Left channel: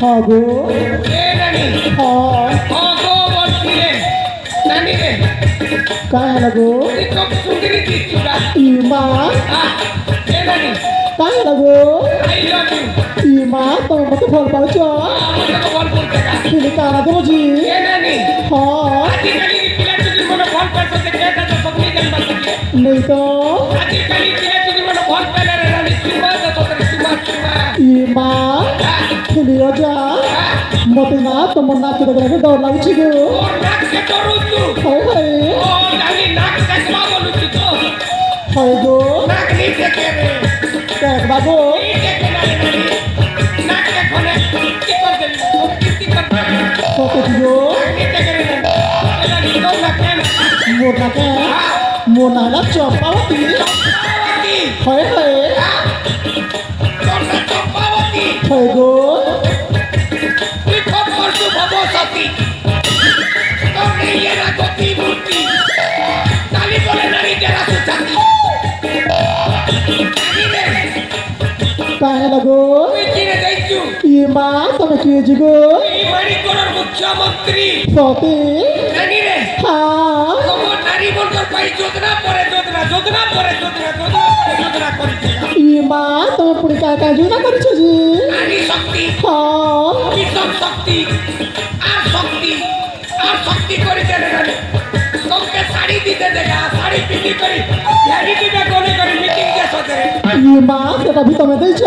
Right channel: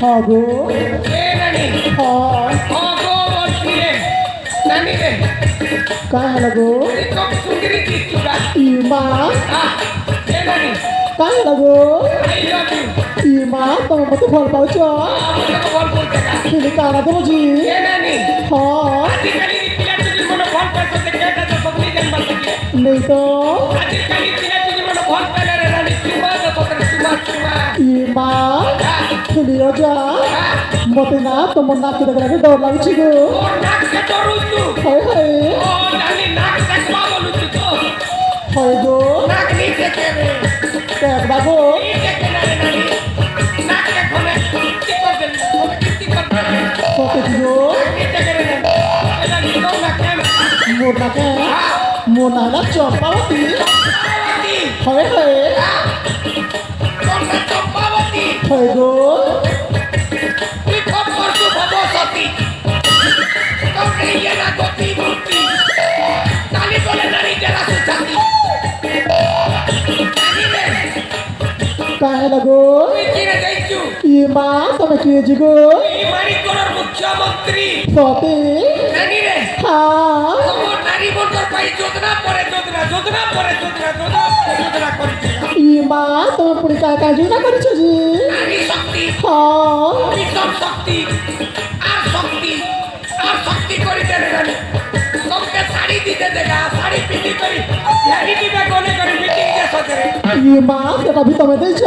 হগো এ নানি হগো বলছি রে নানি রে काय लगो এই তো সুন্দরী দিচ্ছুটা ইমা এ নানি काय लगो আই লাভ ইউ ইমা তোমার মতো ফল পাচ্ছ আমাকে তো বল বলতে গা তুমি কারা দেবো জি এ নানি আজকালি পিলা যদি মনে ফল পাইছো তে কেটা তো সবনি জানবা থাকে নেই তো আজকালি পিলা যদি মনে ফল পাইলে রে নানি চুমা তো তোর চুমা ইমা খেলিও যা মতে না তোমার নাকে দেখে ডর লাগছে গো ওর নাককে ডরুছু হায় হায় ও নানি নাক দেখবা বলুছু তো হায় গো নাক নি দেখে রে দেখ বাবু এই দেখে না রে নানি নাককে খনে কি করে দেবি ওকে কি করতে কত গো নাক নি দেখে রে নানি তো না কেন মোর নাকে মোর নালা চপাতি পাওয়াতি হায় হায় তোমরা তো পাওয়াতি হায় গো তুই খবর তো ভবসতি তোর ইয়ে না গতি মূর্তি তালি বলে নারী যারা সুচাতি নানি রে काय लगो তুই চিনে যাইছু ইমা তুমি কি জিগো এই বাড়ি করার মুখ্যমন্ত্রী সতে নানি রে হ্যাঁ তোমার নারী বলতে পাই যোজনা পরে যোজনা করিছে ইমা তোমার পুরি কাকা জুনা করেছো জি নারী শক্তি হ্যাঁ ভীষণ শক্তি আর শক্তি করিতে দেবে তোমাকে শাড়ি দিতে দেখা শাড়ি পিন্ধি করি ধ্যানি দিবে কোনে করে মিটিং যে সদরে ইমা সেটা ভি তুমি দিয়েছ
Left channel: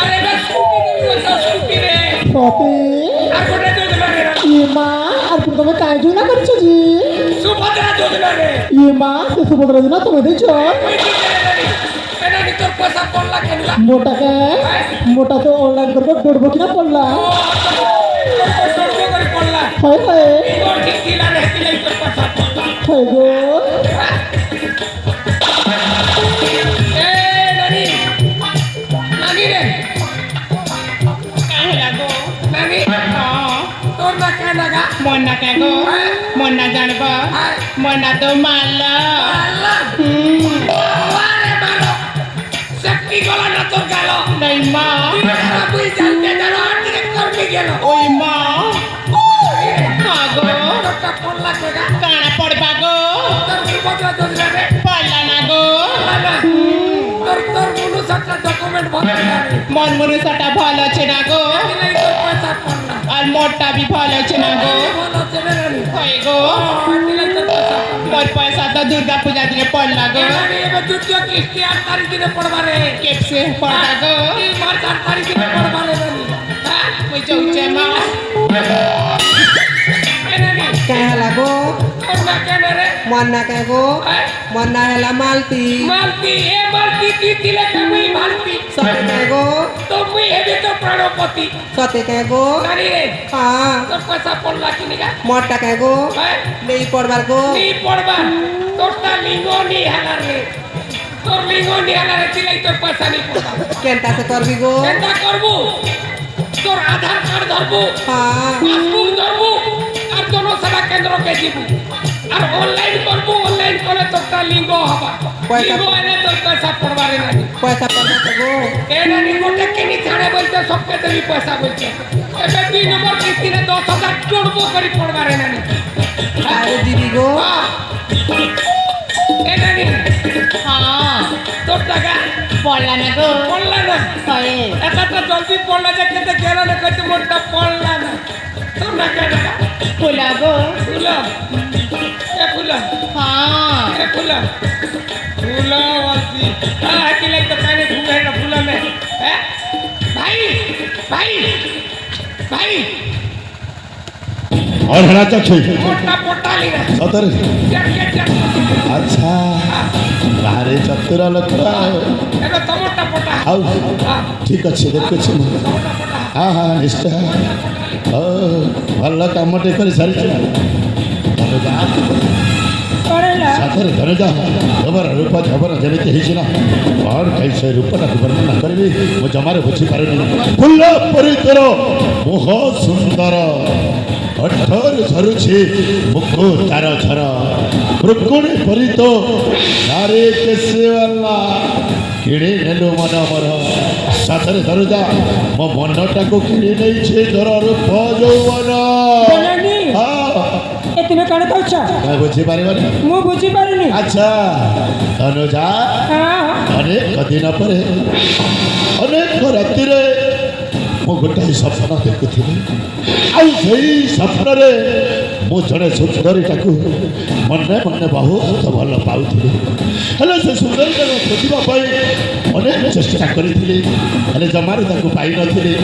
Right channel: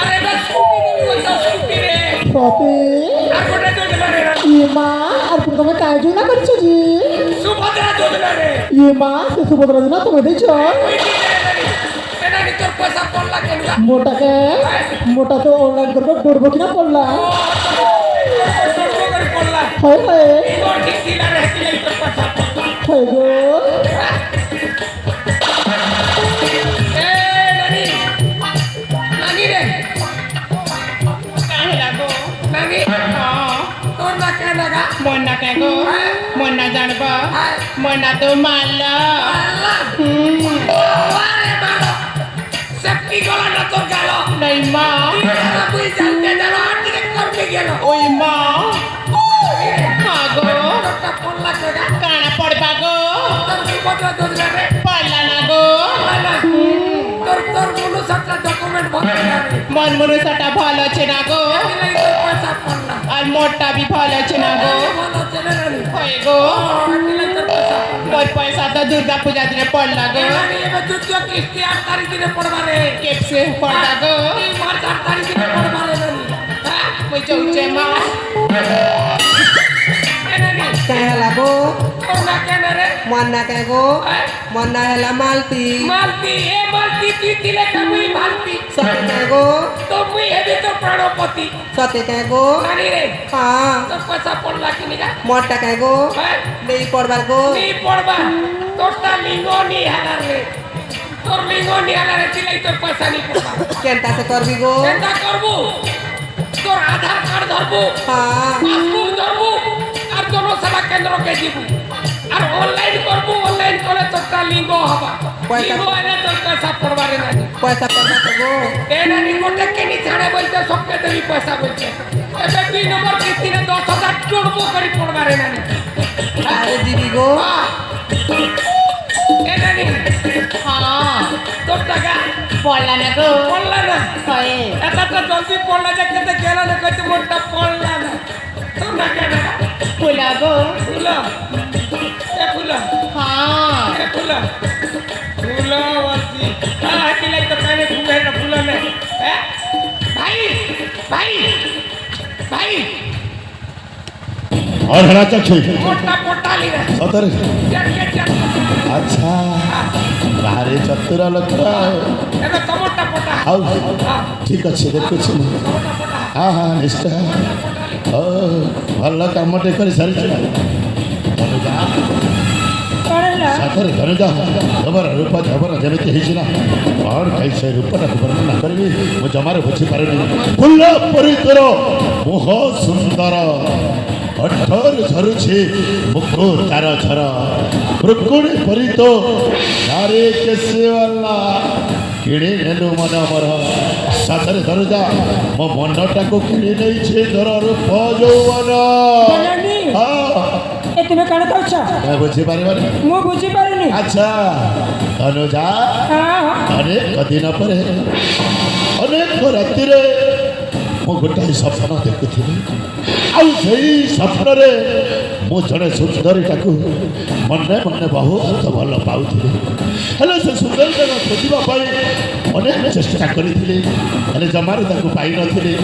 আরে বাস স্কুটি রে সতে আর কোনে যোজনা রে ইমা আর তুমি কাকা জুনা করেছো জি সুভদ্রা যোজনা রে ইমা সে সুভদ্রা জুনা তুমি দিয়েছ এনানি তোর পয়সা পড়লা কেন মোটাকে মোটা তো অনলাইন করবে পড়বো কিনা পড়লা হায় হায় হায় গো মন্না জানব মন্না তো মারল নাই মা ওই মা আগো কানা পড়বা গো পড়লা না গো মন মনুষটা ভালো আছে না গো আর মোটটা বি ভালো আছে না গো হয় গো মোর পয়সা তো দুর্গা পূজা দিনে পড়লা গো কেপসে পড়বা গো ওই চৌচে মা काय हला गो मन्ना काय गो मन्ना हला मालती सते काय गो सते काय गो हाँ मोटा काय गो नहीं पड़बार गो केनता से करबी गो তোর আধার কার্ড ধরবো हाँ পাসবুক ধরবো আর জনসেবা কেন্দ্রকে দিব আর অনলাইন করবো অনলাइन করে তোরটা লিঙ্গ হবা পয়সা- লিঙ্গ এনে তোর পয়সা পড়বারে না पैसा पड़बा तो गो এনে নিকটে কেনি ছাড়ে বলতে সবকে দেবি পয়সা বলছে এবে 2 নম্বর কিস্তিতে 10,000 জোড়বো করে পড়বারে না अरे दीदी गो এনে নি হ্যাঁ তোর টাকা পড়লা না গো পড়লা না হয় এটা তো জলদি পড়লা যে কেতে গেল না কইতে মোরটা পড়লা না তোর না কেন ফুলা গো ফুলা এ ফুলা হ্যাঁ এ ফুলা ফুলা বলছি কি লাগতো কানে ঘুরে না ফুলা নে হ্যাঁ ভাই ভাই ভাই और हरा चक्षु মোরটা পড়তালি না सतर अच्छा गारे चतुर लोक এটা তোমারটা পড়তা ଆଉ ଠିକ ଅଛି ଦେଖୁଛି ମୁଁ ହଁ ହଁ ନିଶ୍ଚୟ ଭଲ କାମଟେ କରି ସାରିଛୁ ସାଥରେ ଧନ ଯା ତମର ରୂପ ଜବର ଯେମିତି ହେଇଛି ନା କ'ଣ କାହିଁ ସେ ରୂପଟାକୁ ବର୍ଣ୍ଣନା କରିବି ମୁଁ ଜମାରେ ବୁଝିପାରୁନି ଫୁଲ ପରି ତୋର ମୁହ ସୁନ୍ଦର ଅଠର ଝରୁଛି ମୁଖ ତାର ଝର ମୃକୁଣି ପରି ତ ସାରେ କେଶେ ବାଲା କିଣି ନେଲୁ ମନ ମୋର ସାଥରେ ଧରୁଜା ମୋ ମନଟାକୁ କିଣି ନେଇଛି ତୋର ରୂପ ଯୌବନ ବନାନି ହଁ ଏ ତୁମେ କ'ଣ କହୁଛ ତମେ ବୁଝିପାରିବନି ମୁଁ ବୁଝିପାରୁନି ଆଚ୍ଛା ଅନୁଜା ଅନେକ ଦିନ ପରେ ଅନେକ ରାତିରେ ମୁଁ ଗୋଟାଏ ସ୍ୱପ୍ନ ଦେଖୁଥିଲି ଆଉ ସେଇ ସ୍ୱପ୍ନରେ ମୁଁ ଜଣେ ସୁନ୍ଦରୀଟାକୁ ମନେ ମନେ ବହୁତ ଭଲ ପାଉଥିଲି ହେଲେ ସେ ସୁନ୍ଦରୀଟାକୁ ଖୋଜିବା ପାଇଁ ଅନେକ ଚେଷ୍ଟା କରିଥିଲି ହେଲେ ଜମାରୁ ତାକୁ ପାଇନଥିଲି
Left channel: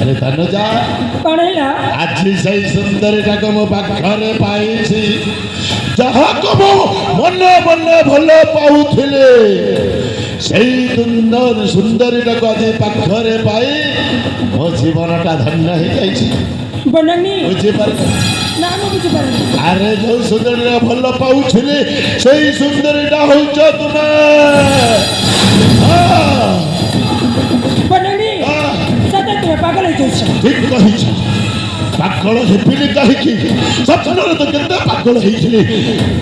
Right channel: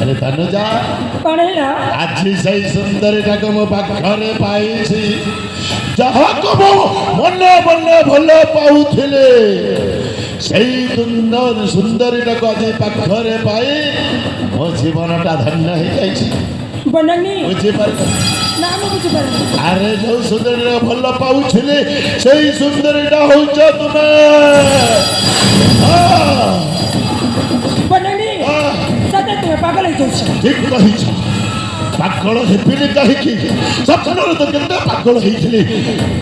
ହେଲେ ତନୁଜା କ'ଣ ହେଲା ଆଜି ସେଇ ସୁନ୍ଦରୀଟାକୁ ମୁଁ ପାଖରେ ପାଇଛି ଯାହାକୁ ମୁଁ ମନେ ମନେ ଭଲ ପାଉଥିଲି ସେଇ ସୁନ୍ଦରୀଟାକୁ ଆଜି ପାଖରେ ପାଇ ମୋ ଜୀବନଟା ଧନ୍ୟ ହେଇଯାଇଛି ବନାନି ବୁଝିପାରିଲ ନା ମୁଁ ବୁଝିପାରୁନି ଆରେ ଯୋଉ ସୁନ୍ଦରୀଟା ଭଲ ପାଉଥିଲି ସେଇ ସୁନ୍ଦରୀଟା ହଉଛ ତୁମେ ବନାନି ସତେ ତୁମେ ପାଗଳ ହେଇଯାଇଛ ଠିକ କହିଛ ପାଗଳ ହେବିନି କାହିଁକି ସ୍ୱପ୍ନରେ ତ କେତେ ପାଗଳ ହେଇଥିଲି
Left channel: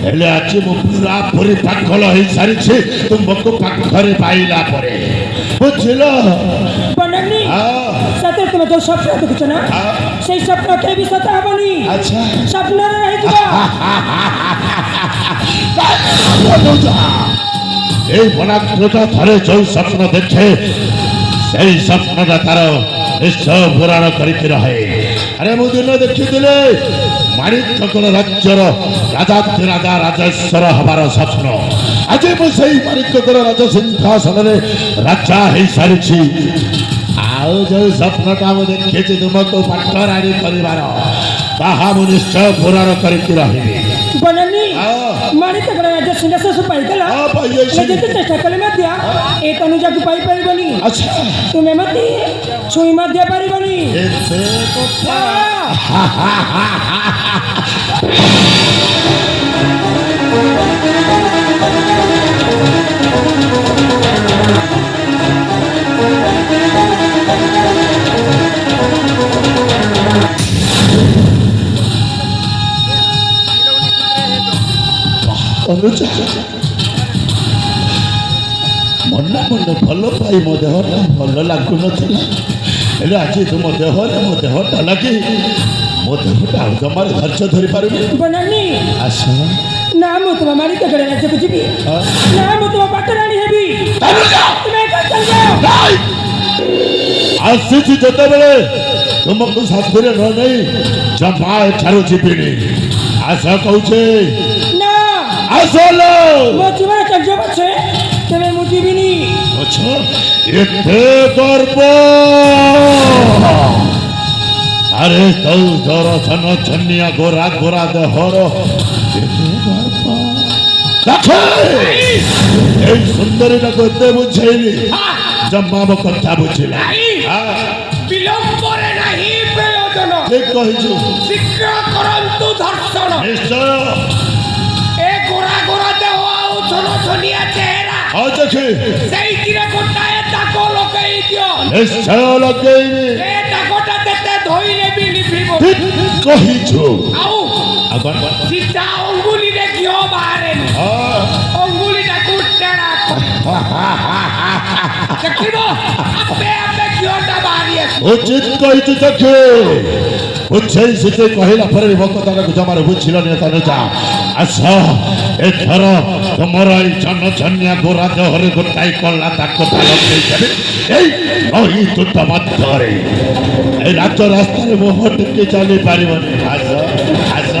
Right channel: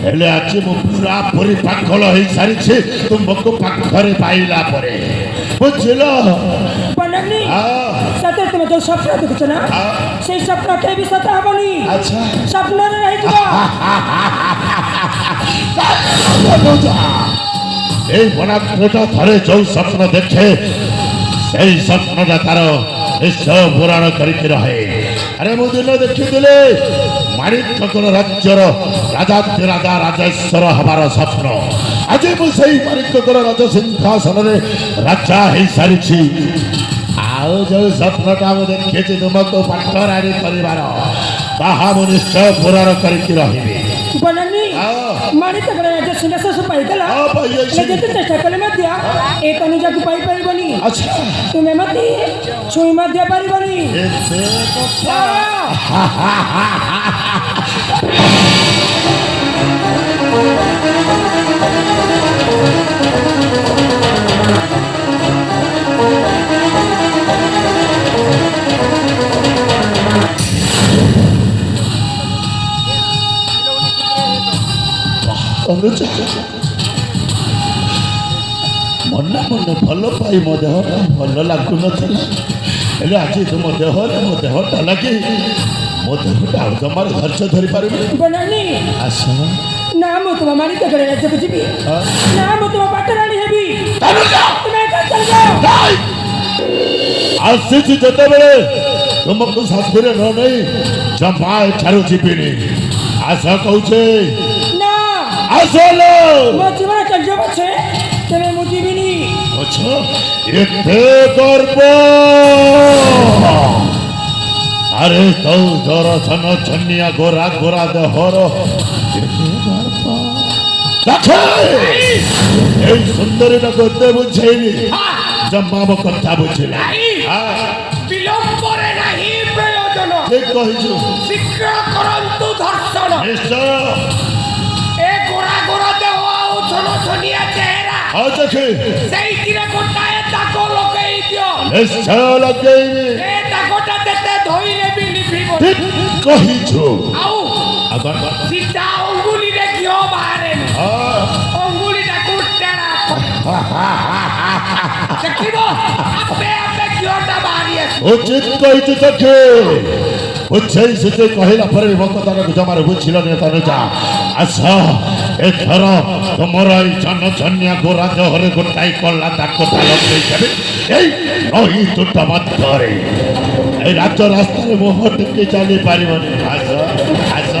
ହେଲେ ଆଜି ମୁଁ ପୁରାପୁରି ପାଗଳ ହେଇସାରିଛି ତୁମକୁ ପାଖରେ ପାଇଲା ପରେ ବୁଝିଲ ବନାନି ହଁ ସତେ ତୁମେ ଯୋଉ ସ୍ୱପ୍ନ ଦେଖିଛ ନା ସେଇ ସ୍ୱପ୍ନ କେବେ ବି ସତ ହବନି ଆଚ୍ଛା ସ୍ୱପ୍ନରେ ରହିଯିବ এই বনাগ্রটা ଥରେ ଯୋଉ ସ୍ୱପ୍ନ ଦେଖେ ସେଇ ସ୍ୱପ୍ନଟା ତାର ନିଶ୍ଚୟ ପୁରାଣ କରିକି ରହେ ଆରେ ମୁଁ ଦିନ ଦେଖିଥିଲି ମାଣିକଙ୍କର ରାଜ୍ୟର ରାଜା ରାଜେଶ୍ୱର ହବାର ସ୍ୱପ୍ନ ଆଜି ମୁଁ ସେଇ ମାଣିକଙ୍କର ରାଜ ସିଂହାସନରେ ରାଜା ହେଇସାରିଛି ଆଉ ଯୋଉ ସ୍ୱପ୍ନଟା ମୁଁ ଦେଖିଛି ତୁମକୁ ପାଠରାଣୀ କରିବାର ତାହା ମୁଁ ନିଶ୍ଚୟ ପୁରାଣ କରିକି ରହିବି ବନାନି ମାଣି ତକର ରାଜ ସିଂହାସନ ପାଇଗଲା ପାଇଯାଇଛି। ଯେତେ ଚେଷ୍ଟା କଲେ ମଧ୍ୟ ଏ ତନୁଜାକୁ ପାଇପାରିବନି ଆଚ୍ଛା ତୁମେ ମତେ ଛୁଇଁ ମଧ୍ୟ ପାରିବନି ଏତେ କଥା ଅନୁଜା ମନେ ମନେ ଭଲ ପାଇ ମୋ ଦେହଟା ଭଲ ଲାଗୁନଥିଲା ହେଲେ ଆଜି ତୁମ ଦେହରେ ମୋ ଦେହଟା ଲାଗି ମୋ ଦେହଟା ଆଉ ଜମାରେ ଧୈର୍ଯ୍ୟ ଧରିପାରୁନି ବନାନି ଆସ ନା ମୁଁ ତୁମ ମାଣି ତକର ରାଜ୍ୟକୁ ଯିବି ନା ମୁଁ ତୁମ ପାଟରାଣୀ ହେବି ତୁମେ ଏକା ଚାଲିଯାଅ ଆସିଛି ଯେତେବେଳେ ତୁମକୁ ଶାସ୍ତିରେ ନ ନେଇ ଜମା ଏଠାରୁ ଯିବିନି ଆସ କହୁଛେ ନା আসল ମୋ ଜୀବନ ଚାଲିଯିବ ପଛେ ତେବେ ମୁଁ ଯିବିନି আচ্ছা এতে গর্ব আরে তৌ দর্শন ছন্নিয়া গোরা গোরা দেহর এতে গর্ব দেখে এই সুন্দরীটাকে এতে বুঝেইনি জম্মাব কথা বুঝিলা বিলম্বরে নাহি প্রয়োজন ঠিক কহিছু শীঘ্র করন্তু ধর্ষণ নিশ্চয় এ গোরা গোরা দেহ আউ ছনছনিয়া চেহারা আজ দেখে সেইটিরে গোটায়ে দাগ লগাই দিও নিশ্চয় লগাইনি এ দাগটা তেতে ধইলে বি লিপিব ঠিক কহিছু আউ আবার সিধা অঙ্গুলিরে ঘিও বাহারেনি অঙ্গুলিটা কুটতে রাখ দেখিব আপে আপে ঘিওটা বাহারি আসে উচিত কহিছু দেখে বুঝেই সেতে কহিলা পরে ভক্ততাকে জমার বুঝছিলেন তনুজা আচ্ছা এথর তোমার এই ছন্নিয়া গোরা দেহরে গোটাই কল্লা তাকটা লগাই যাবে এই নহি তুটা মাত্রে এই রাজ্য রাস্তায় মোহ টিকে চালি পারিবনি আস আস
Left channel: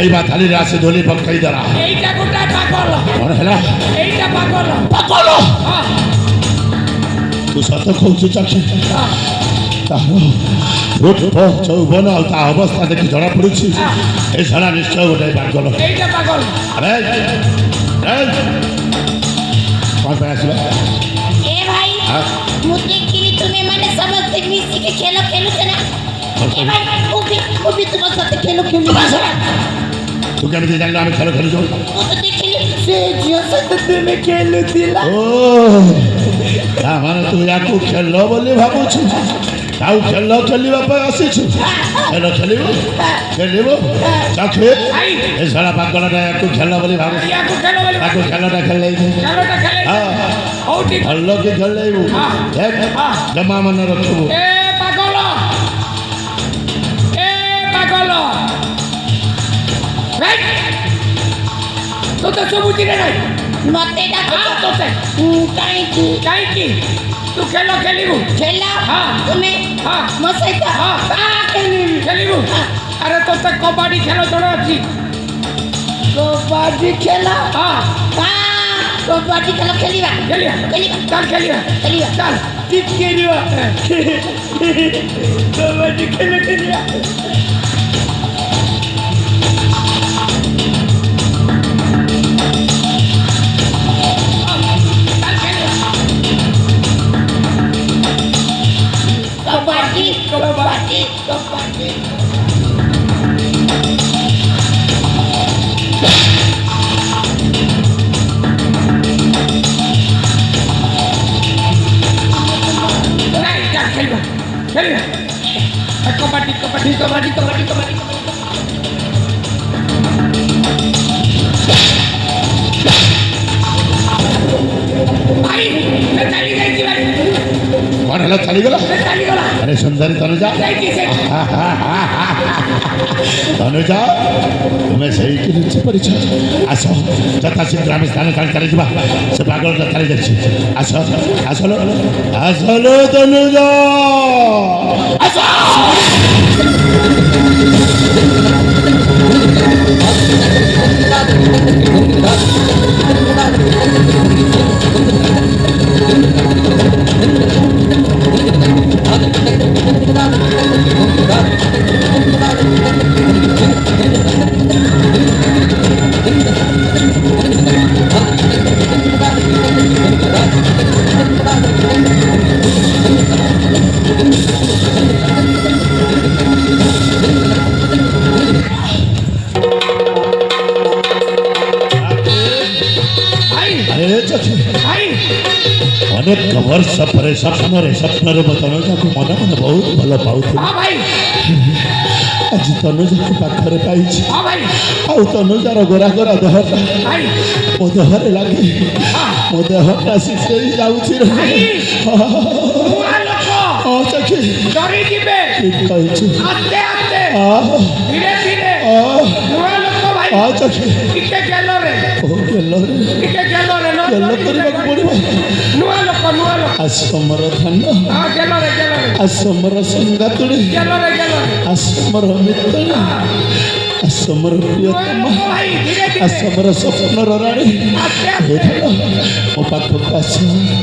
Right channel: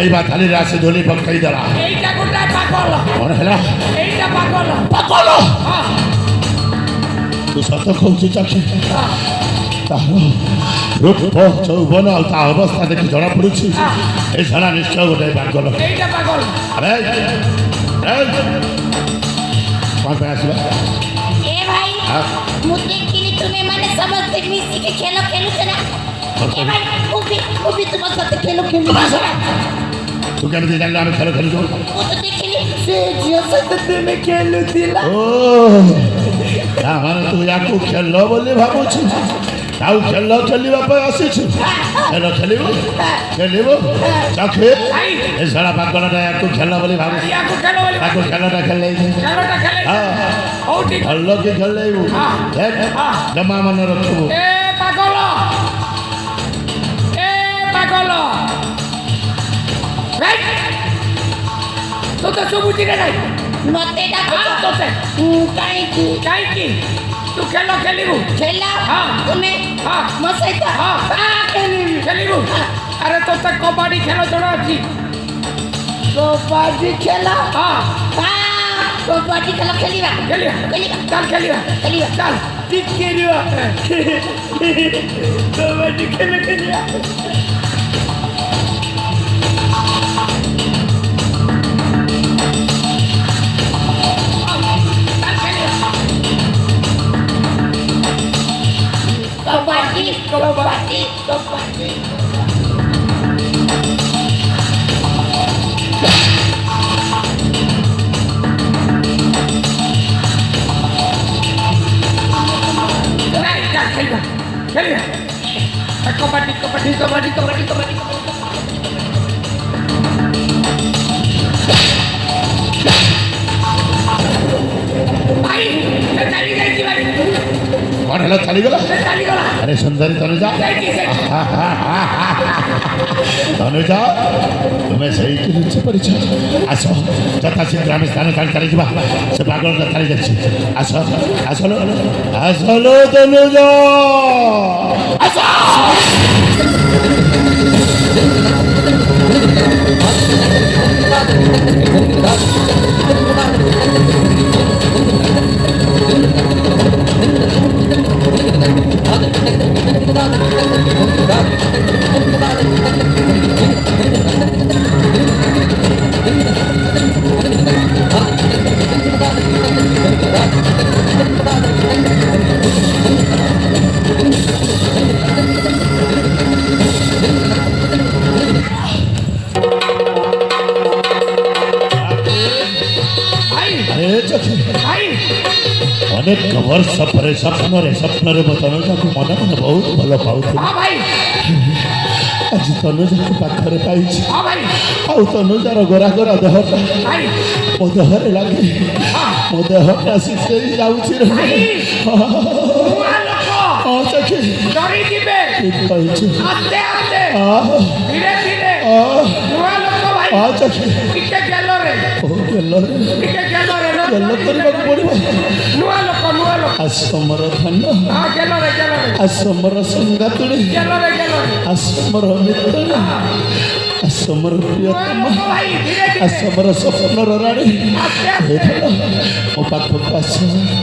ଖାଇବା ଥାଳିରେ ଆସି ଧୂଳି ପକାଇ ଦେଲା এইটা গোটায় পাগল କ'ଣ ହେଲା এইটা পাগল ପାଗଳ ତୁ ସତ କହୁଛୁ ଚାକ୍ଷୁ ତାହାର ରୂପ ଯୌବନ ଆଉ ତା ଅବସ୍ଥା ଦେଖି ଜଣାପଡ଼ୁଛି ଏ ଝଡ଼ା ନିଶ୍ଚୟ ଗୋଟେ ପାଗଳ এইটা পাগল ଆରେ କ'ଣ ପାଇଁ ଆସିଲା ए भाई हाँ? मुझे कि तुम्हें मैंने समझते मिसी के खेलो खेलो चला ए भाई वो भी तुम्हारे साथ खेलो खेलो ତୁ କେମିତି ଜାଣିଲୁ ଆମେ ଖେଳ ଖେଳୁଛୁ वो तो देखी সে ঝিও সাথে তুমি খেলুছিলা ଓ ତାମାନେ ତୁ ୟାକୁ ଖେଳ ବୋଲି ଭାବୁଛୁ ଆଉ ଖେଳ ଖେଳିବା ପାଇଁ ଆସିଛୁ ଖେଳ ଖେଳିବୁ ଖେଳିବୁ ଚାକ୍ଷୁ ଏ ଝଡ଼ା ପାଗଳଟା ୟାକୁ ଖେଳ ବୋଲି ଭାବୁଛୁ ইয়াকু খেলো বলে ତାକୁ ଖେଳଟା ଖେଳେଇବୁ খেলোটা খেলে ହଁ ওটি ଭଲ କି ଖେଳେଇବୁ ଦେଖ ଜମା ମନେ ରଖିବୁ এ পাগল রাইট তো তো সবুজি রে নাই मते আ डाको তো সে काई की কাই কি তু খেলো খেলিবু खेला हाँ। तुम्हें हाँ। मसाइता খেলিবু আরে তো সে কবাডি খেলো ধরে আছি कबड्डी खेला হ্যাঁ कबड्डी खेला खेलिबा খেলিবা खेलिबा চল খেলিবা खेलिबा চল ঠিক খেলিবা কবাডি খেলিবা कबड्डी কবাডি कबड्डी নাই চল খেলিবা খেলিবা কবাডি কবাডি কবাডি কবাডি কবাডি ভাই চালি যাইছি ভাই କ'ଣ ହେଲା ଚାଲିଗଲା ଚାଲିଗଲା ଆରେ ସୁନ୍ଦରୀ ତନୁଜା ଯାଇକି ସେଠି ତନୁଜା ତୁମେ ସେଇଠି ଜିନିଷ କରିଛ ଆସ ଯଥା ଶୀଘ୍ର ଆମେ ସ୍ଥାନ ଛାଡ଼ି ଚାଲିଯିବା ସେ ପାଗଳଟା ଛାଡ଼ି ଯାଇଛି ଆସ ଆସିଲ ଆସିଲ ତନୁଜା ଆସ ভাই আরে চোখে ভাই ଅନେକ ବର୍ଷ ପରେ ସ୍ୱପ୍ନରେ ମୁଁ ତନୁଜାକୁ ମନେ ମନେ ବହୁତ ଭଲ ପାଉଥିଲି ହଁ ଭାଇ ଆଜି ତନୁଜାକୁ ପାଖରେ ପାଇଛି ହଁ ଭାଇ ଆଉ ତନୁଜାର ଗୋରା ଗୋରା ଦେହଟା ଭାଇ ମୋ ଦେହରେ ଲାଗି ମୋ ଦେହଟା ଶିଖେଇ ଯାଉଛି ରେ ନୂଆ ଲୋକ ହଁ ଚୋଖେ ଡରି ଯିବେ ଠିକ କହିଛୁ ଆସ୍ତେ ଆସ୍ତେ ଧୀରେ ଧୀରେ ନୂଆ ଲୋକ ଭାଇ ହଁ ଚୋଖେ ଟିକେ ଗେଲରେ ଓ ଗେଲରେ ଟିକେ ଗେଲରେ ଗେଲ କରିବାକୁ ପଡ଼ିବ ନୂଆ ଲୋକ ଆଶ୍ରମର ଧାନ ହଁ ଗେଲରେ ଗେଲରେ ଆଶ୍ରମର ସଙ୍ଗାତୁଳି ଗେଲରେ ଗେଲରେ ଆଶ୍ରମର ମିତ୍ରଳି ଆଶ୍ରମର ପ୍ରିୟତମ ଭାଇ ଧୀରେ ଧୀରେ ଆଶ୍ରମର ସ୍ୱପ୍ନର ରାଣୀ ଆସ୍ତେ ହେଇଥିଲା ମୋ ପାଖକୁ ଆସ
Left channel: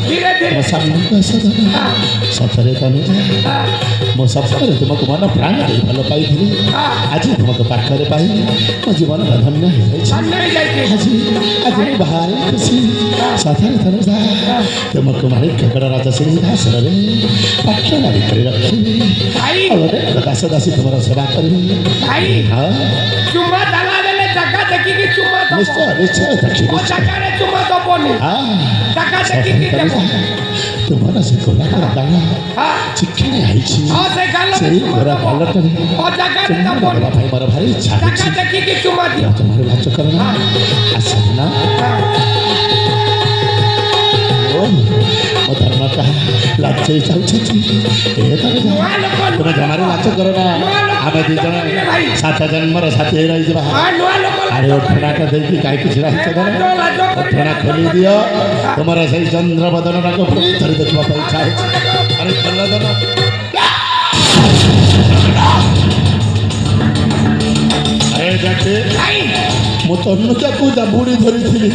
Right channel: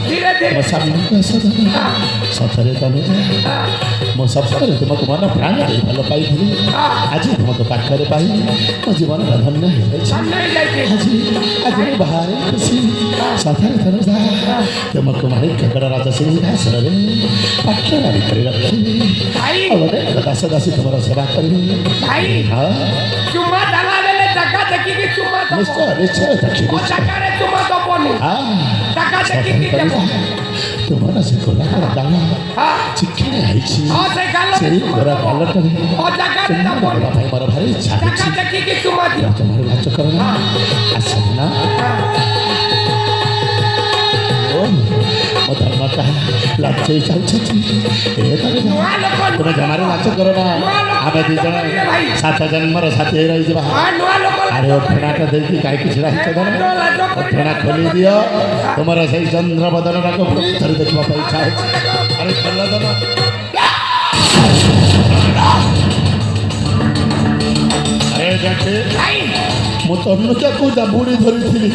ଧୀରେ ଧୀରେ ମୋ ସାମ୍ନାକୁ ଆସ ସତରେ ତନୁଜା ମୋ ସପ୍ତାହରେ ତୁମକୁ ମନ ପ୍ରାଣ ଦେଇ ଭଲ ପାଇଥିଲି ଆଜି ତୁମକୁ ପାଖରେ ପାଇ ମୋ ଜୀବନ ଧନ୍ୟ ହେଇଯାଇଛି ସାମনে ଯାଇକି ଆଜି ଆଜି ମୁଁ ବାହାରେ ଖୁସି ସତରେ ତନୁଜା ତୁମକୁ ମାରି କେବଳ ରାଜସିଂହାସନରେ ପାଖରେ ଭିତରେ ରଖିବି ଭାଇ ଆଉ ଗୋଟେ ଦାସ ଦାସୀ ତୁମର ସେବା କରିବି ଭାଇ ହଁ ଚୁମା ଦେଲା ବେଳେ ଜାଗା ଦେଖିକି ଚୁମା ଦବ ନିଶ୍ଚୟ ନିଶ୍ଚୟ ଦେଖିବି ଜାଗାରେ ଚୁମା ଦବନି ଜାଗା ଦେଖିକି ଦେବ ତୁମର ସେ ଗୋରା ଗୋରା ଗାଲ ହଁ ଚିକେଣି ହେଇଛି ହଁ ସେ ଗାଲ ସେଇ ଗୋରା ଗାଲଟାରେ ଜାଗାରେ ଚୁମ୍ବନ ଦବନି ଦେବା ପାଇଁ ମୋର ଭାରି ଇଚ୍ଛା ଜାଗା ହେଉଛି ଦେଖିକି ଚୁମା ଦିଅ ଜମାରୁ ଲାଜ କରନା ଆସ ନା ମୋ ଧର୍ମଟା ଲାଜେଇ ଯାଉଛନ୍ତି ଏ ନୂଆ ଲୋକ ତୁମେ ଜମାରୁ ଲାଜ କର ନା ଆମେ ଦୁଇ ଜଣ ସାତ ଜନ୍ମର ସାଥୀ ହେଇ ରହିଯିବା ହଁ ନୂଆ ଲୋକ ଆରେ ଅଠଣାଟା ଦେଇକି କାହିଁକି ଛିଡ଼ା ହେଇଛ ଧର ଅଠଣା ଖୋଲି ଦିଅ ତୁମର ସେଇ ଚନ୍ଦ୍ର ବଦନଟାକୁ ଥରେ ଦେଖିବା ପାଇଁ ଇଚ୍ଛା ହେଉଛି ଆରେ ଖୋଲ ଦନ ଆରେ ଦେଖେ ଭାଇ ମୁଁ ତନୁଜାକୁ ଜାବୁଡ଼ି ଧରିଥିଲି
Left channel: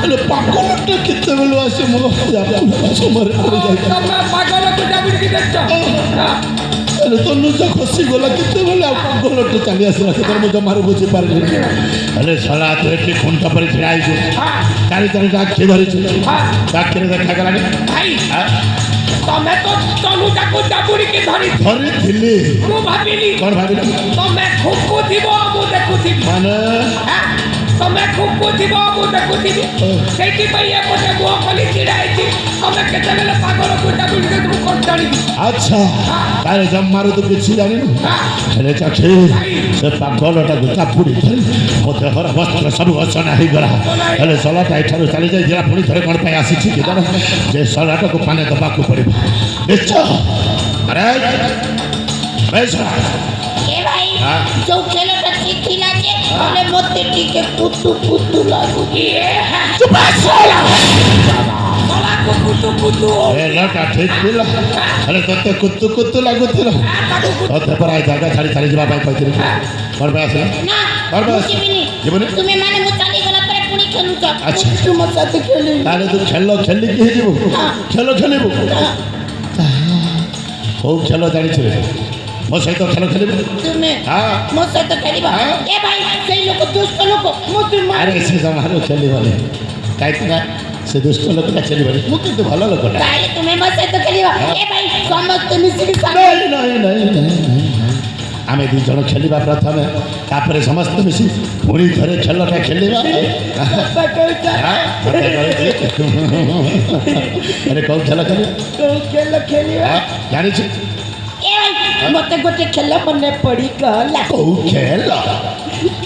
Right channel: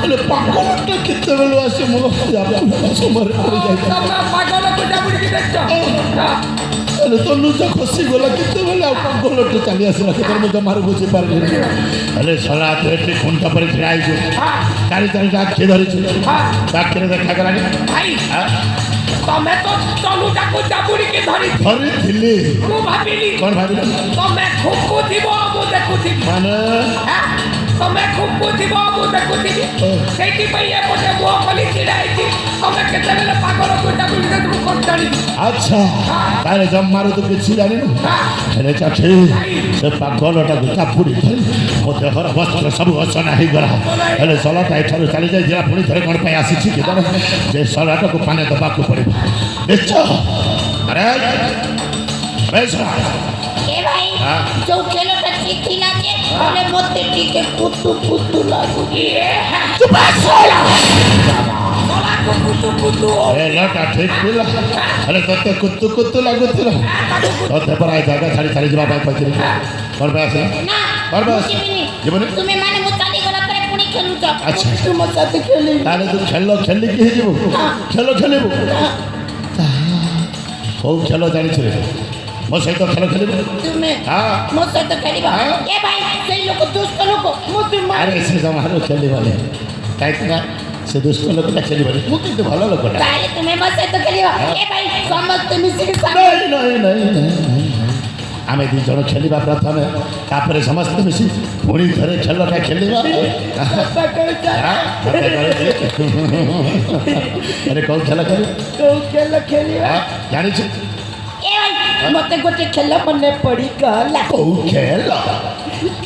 ହେଲେ ପାଗଳଟା କେତେବେଳୁ ଆସି ମୋ ସମୟରେ ପଡ଼ିଯାଇଥିଲା ତମେ ପାଗଳକୁ ଜାବୁଡ଼ିକି ଦେଖଛ ହେଲେ ତନୁଜା ଖସିଗଲା କେତେବେଳେ ଆଉ ପାଗଳଟା ଚାଲି ଆସିଲା ସେତେବେଳେ ମୁଁ ଜମାରୁ ବୁଝିପାରିଲିନି ହେଲେ ଶଳା ତୁ ଏଠି ଖୁଣ୍ଟ ପରେ ଛିଡ଼ା ହେଇଛୁ ଚାରି ଚାରିଟା ଆଖି ଧରିଛୁ ଆଖିରେ ଦେଖାଗଲାନି ଭାଇ ତମେ ତ ତନୁଜାକୁ ଜାବୁଡ଼ିକି ଧରିଥିଲି ମୁଁ ଭାବିଲି କ'ଣ ଭାବିଲ ତମେ ଖୁକୁଥିବ ମୁଁ ଦେଖୁଥିବି ମାନେ ତମେ ଖୁକୁଥିବ ମୁଁ ଦେଖୁଥିବି ସେଇଥିପାଇଁ ଏପଟେ ମୁହଁ ଖୋଲି ଛିଡ଼ା ହେଇଛି ତମେ କେତେବେଳେ ପାଗଳକୁ ଜାବୁଡ଼ିକି ମୁଁ କ'ଣ ଜାଣିବି ଆଚ୍ଛା ତାହେଲେ ଜମାରୁ ତୁ କିଛି ଜାଣିନୁ ହେଲେ ଚାଖି ସେ ପାଗଳଟାକୁ ଚାପୁଡ଼ି ଧରି ମୋ ଦେହର ବସ୍ତ୍ର ସବୁ ଅସନା ହେଇଗଲା ହେଲେ ଶଳାଟା ଏଠାରୁ ଚାଲିଯାଇଥିଲା ପୁଣି ଥରେ କ'ଣ ପାଇଁ ଆସିଛି କି ଜାଣ ଯେ ଶଳାଟାକୁ ପାଣି ଦେବାକୁ ପଡ଼ିବ ନିଶ୍ଚୟ ଆରେ ଶଳା ଏ ଭାଇ ଯୋଉ ଖେଳଟା ଠିକ ଥିଲା ଯେ ହେଲେ ମତେ ଟିକେ କୁତୁ କୁତୁ ଲାଗୁଛି ଖେଳଟା ଠିକ ଥିଲା ହେଲେ ତତେ କୁତୁ କୁତୁ ଲାଗୁଥିଲା ତତେ ପରା ଏ ଜାଗା ଛାଡ଼ି ଛାଡ଼ି ଯିବା ପାଇଁ କହିଥିଲି କ'ଣ ପାଇଁ ଆସିଲା ନା କ'ଣ ପାଇଁ ମୁଁ ଆସିଲା ଯିବିନି ଯିବୁନି ତୁମେ ମାନେ ମୁଁ ଚାଲିଗଲା ପରେ ପୁଣି ଖେଳୁଛ ଆଚ୍ଛା ତୁମ ସାଥେ ଖେଳିବି ତାହେଲେ ତୁ ଖେଳ ଖେଳିକି ହେଇଯିବୁ ଖେଳ ଖେଳିବୁ କୋଉ ଖେଳ ଜାଣିଛୁ ରେ ମୋ ସହିତ ଖେଳ ଖେଳିବୁ ତୁମେ ହଁ ମୋ ସହିତ ଖେଳିବ ଏ ଭାଇ ସେଇ ଲୋକ ଦୁଷ୍ଟ ଲୋକ ମତେ ଆରେ ସେ ଜମାରୁ ଖେଳିବନି କାହିଁକି ନା ସେ ଦୁଷ୍ଟ ଲୋକଟା ଖେଳିବନି ମୁଁ କିନ୍ତୁ ଭଲ ଲୋକଟା ତାହେଲେ ତୁମେ ମୋ ସହିତ ଖେଳିବ ଏ ଭାଇ ସମସ୍ତେ ମିଶିକି ନାଇଁ ନାଇଁ ନାଇଁ ନାଇଁ ଆମେ ଦୁଇ ଜଣ ଖେଳିବା ପ୍ରଥମେ ତାପରେ ସମସ୍ତେ ମିଶି ପୁଣି ଥରେ ଖେଳଟା ଖେଳିବା ଆରେ କୋଉ ଖେଳ ଖେଳିବ କୋଉ ଖେଳ ଖେଳିବା ଜାଣିଛୁ ଏ ଭାଇ ମତେ ଗୋଟେ ଖେଳ ମନେ ପଡ଼ିଗଲା କୋଉ ଖେଳ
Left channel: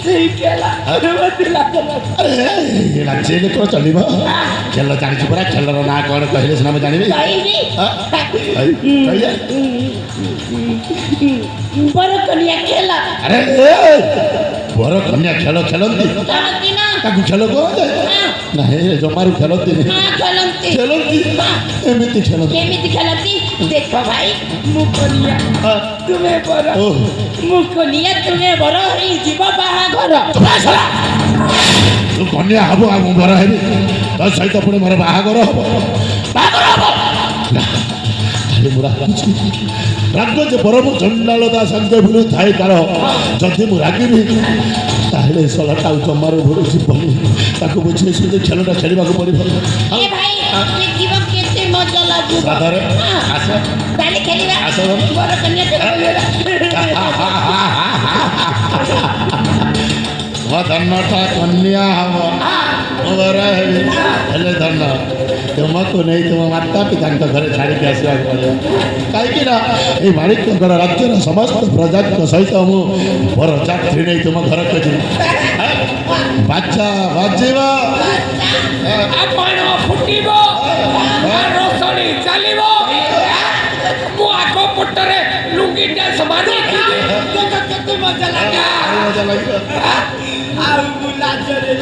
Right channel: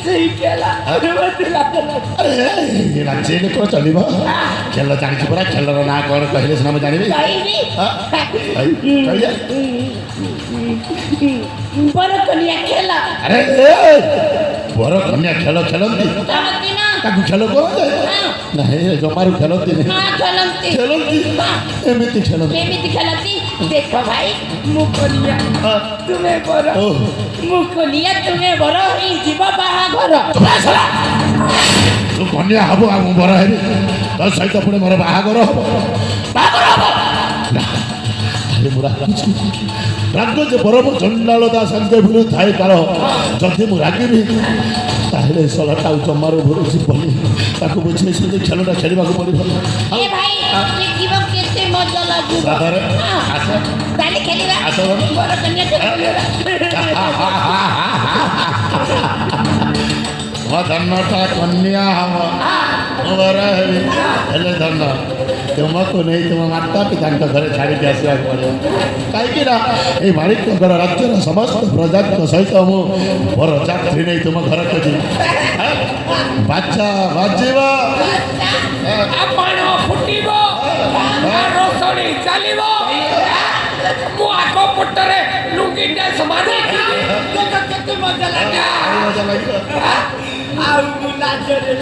ସେଇ ଖେଳ ମତେ ଲାଗିଲା ଆରେ ନାଚିଲେ କ'ଣ ଚଳିବ ଖେଳ ଜାଣିଛୁ ପରା ଖେଳର ନାଁ କ'ଣ କହିଲେ ସିନା ମୁଁ ଜାଣିବି କହିବି କହିଲେ ବର କନିଆ ଖେଳ ଆରେ ବର କନ୍ୟା ଖେଳ ଖେଳନ୍ତି ଖେଳନ୍ତି ନା ତାକୁ ଖେଳ କୁହାଯାଏ ନାହିଁ ଜମାରୁ ଖେଳନ୍ତିନି ହଁ ଖେଳନ୍ତି ଖେଳନ୍ତି ଏମିତି ଖେଳନ୍ତି କେମିତି ଖେଳନ୍ତି ଦେଖ ଭାଇ ମୁଁ କନିଆ ହଁ। ତୁମେ ବର ଓ ମୁଁ କନିଆ ତୁମେ ବର ହେଇଯିବ ବାହାଘର ତୁ କନ୍ୟା ହବ ଆଉ ମୁଁ ବର ହେବି ତୋ ସହିତ ପୁଣି ମୋର ବାହାଘର ହବ ଆରେ ମୁଁ ରାଗୁଛି ରାଗ ଯେ ବରମ ଚଣ୍ଡାଳତା ସଞ୍ଜୟ ଭିଡୁ ଥାଏ କାଳ ଯଦି ମୁଁ ରାଗିବି ତାହେଲେ ଶଳାଟା ଜମାରୁ ଭୁଲ ଯିବନି ତାକୁ ବୁଝେଇ ସୁଝି ଖେଳଟା ଖେଳିବାକୁ ପଡ଼ିବ ଏ ଭାଇ ଦେଖିବ କେତେ ମଜା ଲାଗିବ ସତରେ ଆସ ତାହେଲେ ଖେଳିବା ଆସ ବର କନିଆ ଖେଳିବା ମୋ ଧନଟା କନ୍ୟା ହବ ମୁଁ ବର ହେବି ହେଲେ ଧନ ତୁମକୁ ନେଇ ତୁମ ମାତା ପିତାଙ୍କ ଘରେ ଛାଡ଼ିକି ଆସିବାକୁ ପଡ଼ିବ କାହିଁକି ନା ଏଇ ମାଣିକ୍ୟଗଡ଼ ରାଜ୍ୟର ସମସ୍ତ ପ୍ରଜାଙ୍କ ସହିତ ମୁଁ ବର ଯାତ୍ରୀ ନେଇ ତୁମ ଘରକୁ ଯିବି ବାଚ୍ଚା ବାଜିବ ଆପଣ ଫୁଟିବ ରୋଷଣୀ ଚାଲିବ ମୁଁ ଆଗ ପଟରେ ଲୁଙ୍ଗି ଡ୍ୟାନ୍ସ ମାରିଥିବି କେତେ ମଜା ଲାଗେ ମଜା ଲାଗିବ ଆଉ ମୁଁ ଲାଜରେ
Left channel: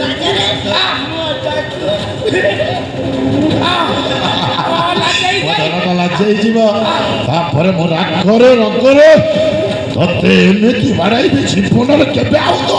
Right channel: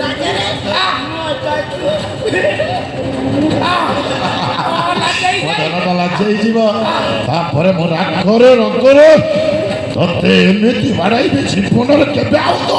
ଧନଟା ଲାଜେଇ ଯିବ ତାପରେ ମୋ ରାଗରେ ରଙ୍ଗରେ ତତେ ଏମିତି ବାଡ଼ାଇବି ଜୀବନରେ କେବେ ଆଉ ତ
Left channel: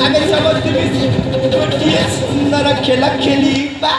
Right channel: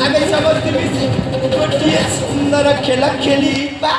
ଆମେ ସମସ୍ତେ ମିଶି ଗୋଟିଏ ସୁନ୍ଦର ଖେଳ ଖେଳିବା